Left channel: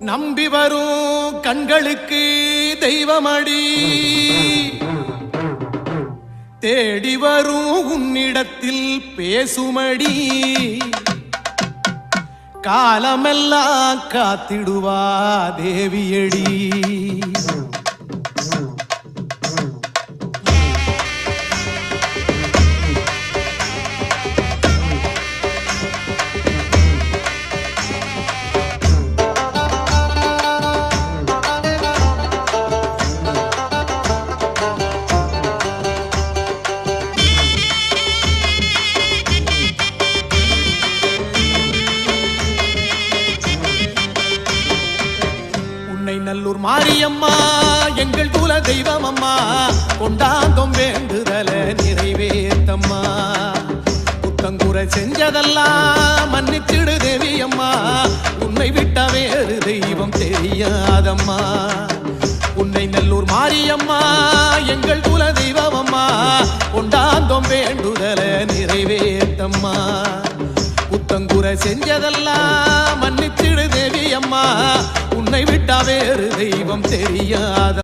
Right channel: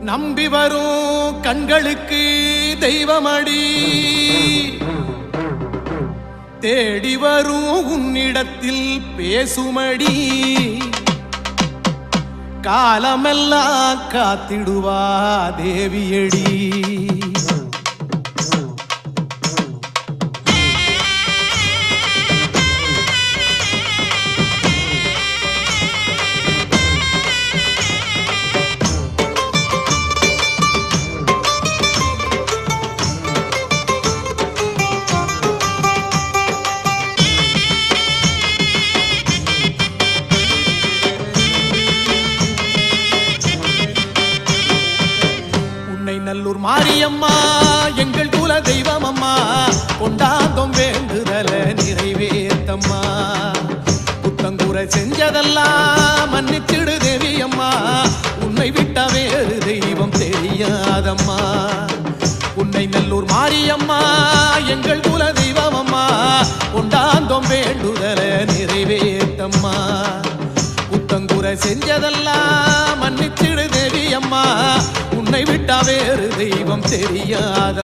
நம்பி வரும் கண்களுக்கு தெய்வமடி, தேடி வரும் உன்னிடத்தில் பேசுமடி, காலமெல்லாம் காத்திடுவா தேவியடி. நல்லூர் மாரியம்மா எங்கள் குல தெய்வம் அம்மா, கொண்டாந்தோம் வேண்டுதல நிறைவேத்தம்மா. புத்தங்குறை செஞ்சதெல்லாம் மன்னிச்சிடு தேவி அம்மா, உன்னை விட்ட வேறு தெய்வம் தெரியாதம்மா. உன்னை நல்லூர் மாரியம்மா எங்கள் குல தெய்வம் அம்மா, கொண்டாந்தோம் வேண்டுதல நிறைவேத்தம்மா. புத்தங்குறை செஞ்சதெல்லாம் மன்னிச்சிடு தேவி அம்மா, உன்னை விட்டா வேறு தெய்வம் தெரியாத.